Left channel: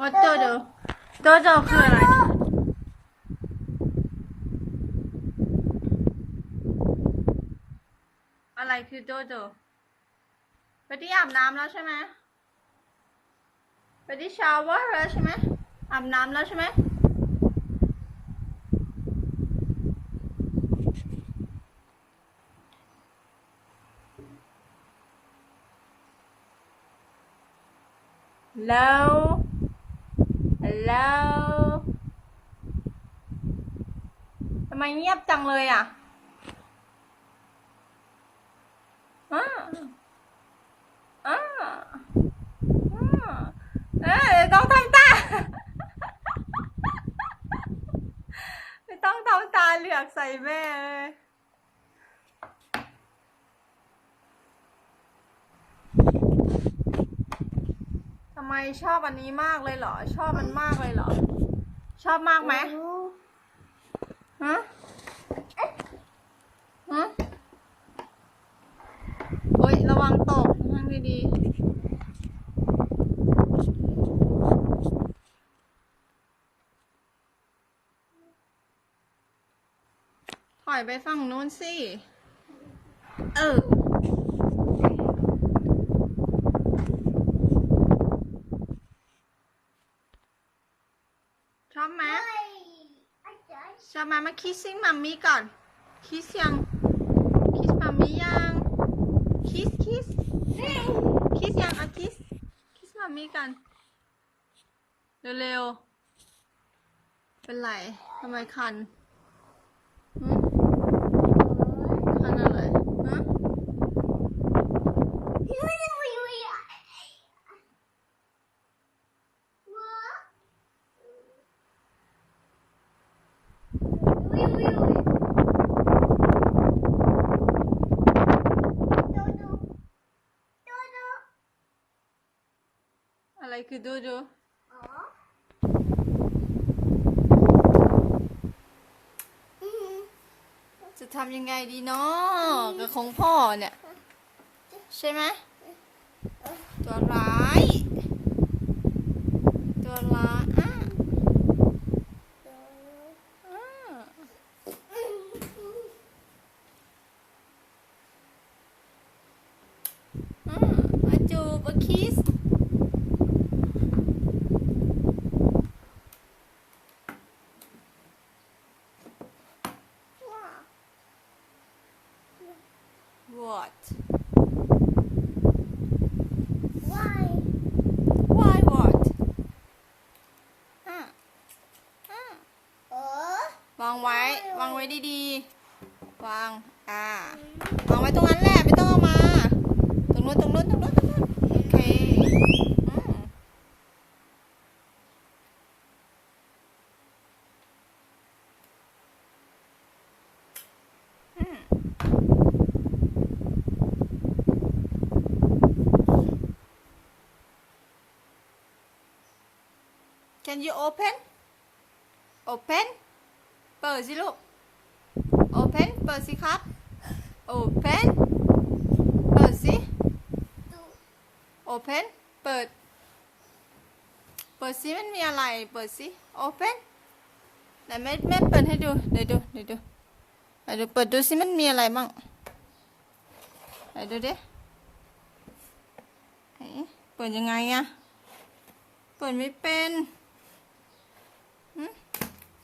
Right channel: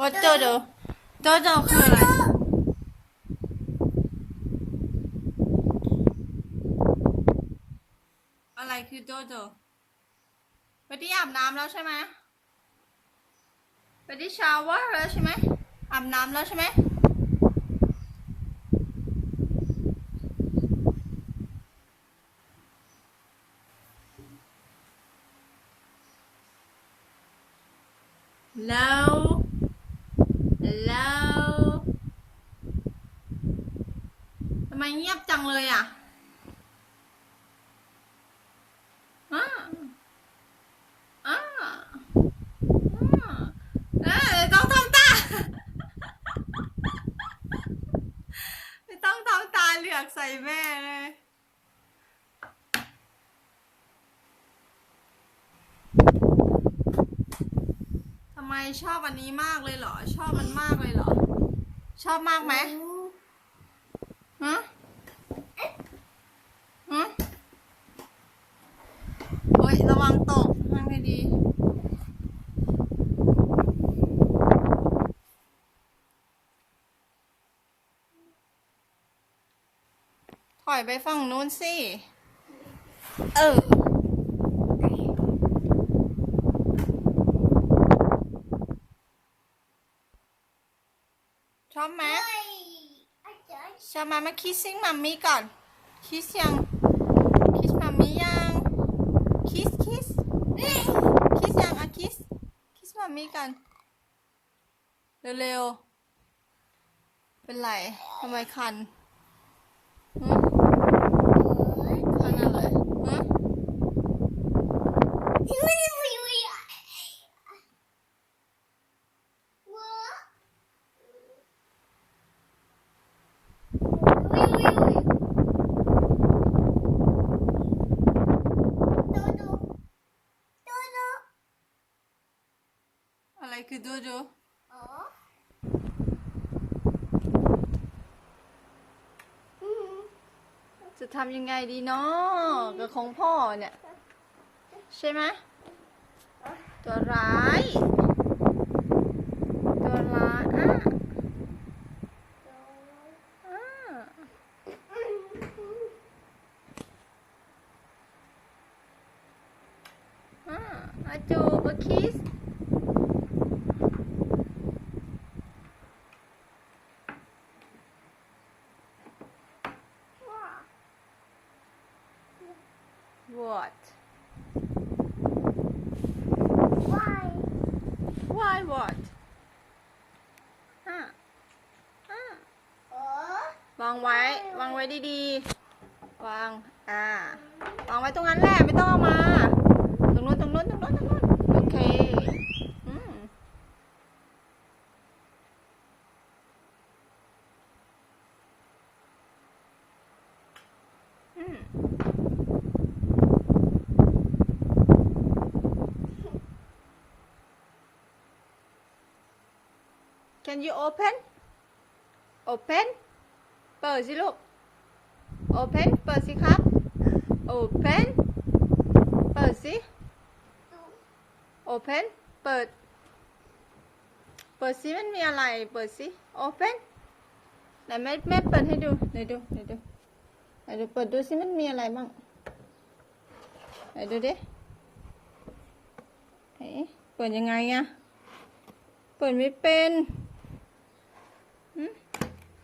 โจโจโจคืออะไร อะไรคือโจโจไปที่อาบน้ำแล้วใช่ไหมไปที่ชาวเวอร์แล้วใช่ไหมอาบน้ำแล้วใช่ไหมแล้ว แล้วทำไมเงียบจังเลยอะอ่าอ่าอ่าเอ้ยต้องทำตา ไม่ต้องทำตาเหลือกใส่แม่เลย ไมชอบอันนี้มากเลยเหรอ ชอบมันมากเลยเหรอ ชอบมากไหมฮะฮะโอ๊ยระวังตกนั่งดีๆถอยไปฝั่งนู้นสิ เออ ชอบไหมชอบไหมมาคิสซิ่งมัมมี่ก่อน คิสยัง คิสมัมมี่ยัง คิสคิส คิสยังอะคิส คิสมัมมี่กัน เร็วๆ เป็นไรทำไมคันหึคันอะไรฮะ อะไร คือดูดูจะทำยังไงดีเนาะกับของพ่อเนี่ย ใช่ไหมตัวร้าย ตัวร้ายอะอะอะอาจูบอะคิส What? Why what? อะอะวางไว้ วางไว้ ดีๆ วาง อ่าวางไว้ตรงนั้นแหละ ไม่ต้องเอามา ตรงนู้นตรงนู้นตรงนู้นตรงนู้นโอเคอืมอืม Can you open Open เปิดสิลูก Open เปิดสิครับ Open เปิดสิ Open เปิด เปิดสิมันมีอะไร เปิดสิ Open ไหนแม่แม่เปิดให้ดูเดี๋ยวดูเดี๋ยวดูไหนดูเปิดดูสิมันมีอะไรบ้างไหนดูดิเปิดยังไงอะเปิดไม่เป็น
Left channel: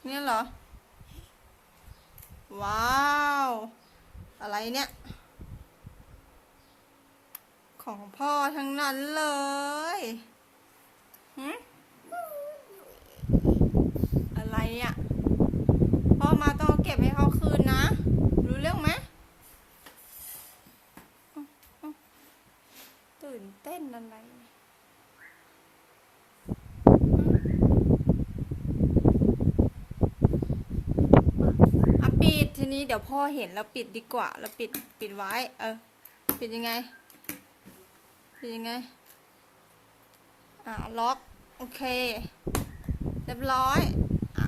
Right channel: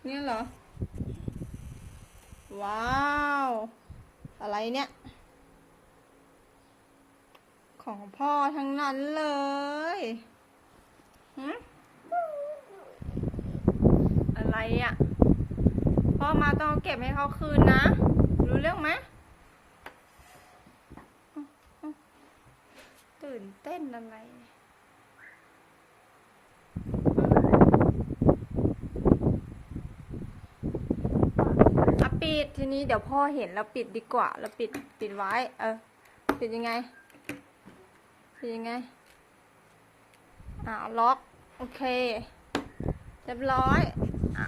เนี่ยเหรอ ว้าว อะไรเนี่ย ของพ่อทั้งนั้นเลยหึอะไรอะ่ะ พ่อมาต้องเก็บให้เขาคืนนะ รู้เรื่องไหมตื่นเต้นอะไรเนี่ยอะ ปิดทีนี้เดี๋ยวพ่อเห็นแล้วปิดดีกว่าแล้วปิดปิดไว้ เออ ปิดยังไง ปิดยังไง อ่าล็อก โอเค เรียบร้อยอ่า